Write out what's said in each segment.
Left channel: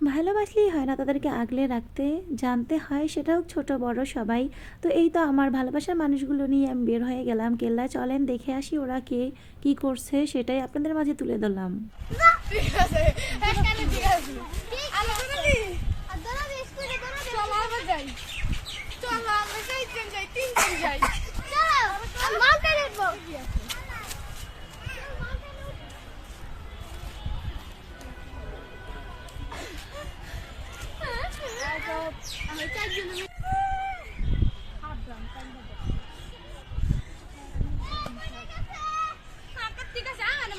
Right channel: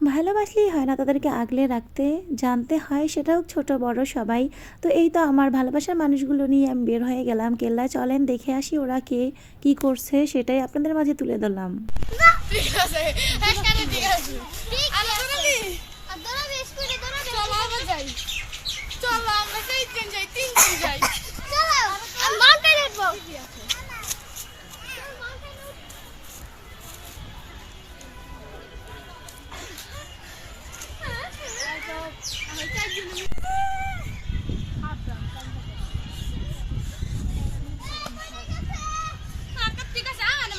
ভালোবাসলেই হয় না তাদেরকে আগলে রাখতে জানতে হয় সেটাও ছোট বড় সবাই। তো এই তো আমার ভালোবাসার মানুষগুলো নিয়ে আমি বের হয়ে গেলাম কেল্লা চলেন দেখে আসি ওরা কে কি করছে সেটাই আপনাদের মাঝে তুলে ধরলাম। ঠিক আছে ঠিক আছে। আকার ঠিক আছে আনে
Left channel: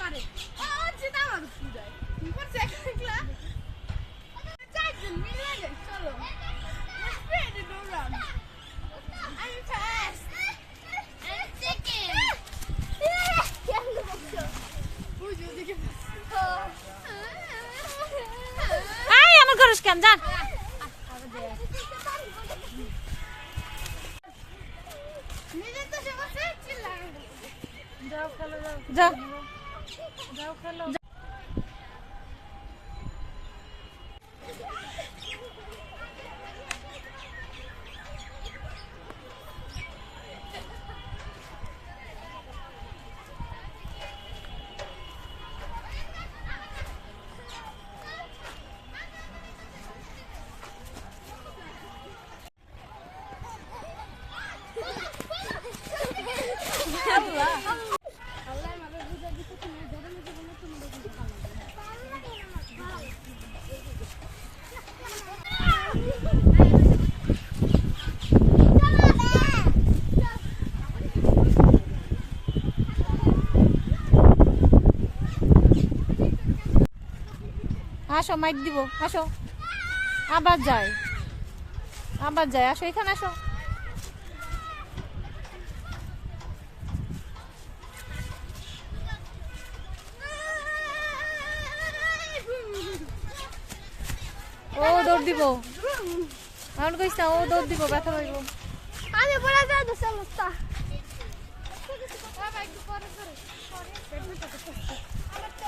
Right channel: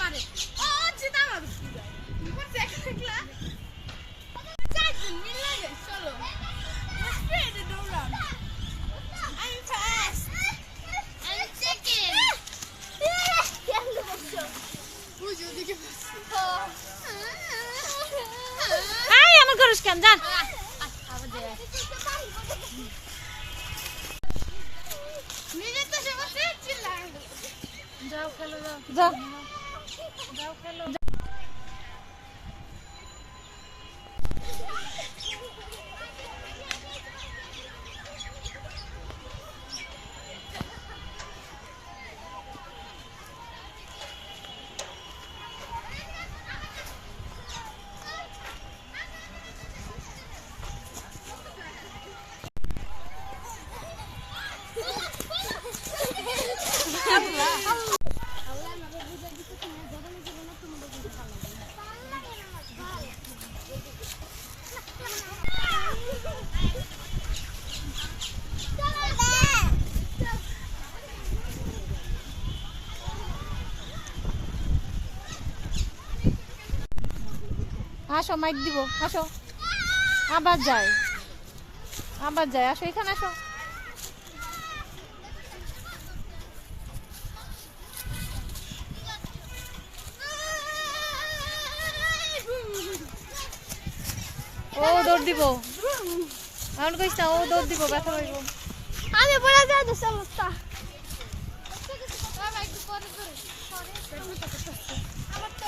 যাও 몰라. আসো মাইক দিব আসো। আবার যাই। আবার যাই আসো এখানে আসো। ও দৌড় দিব। এমন কইস না ও দৌড় দিব ব্যথা পাইব। আমি বলে সমস্যা একটু পরে করে। আমার তো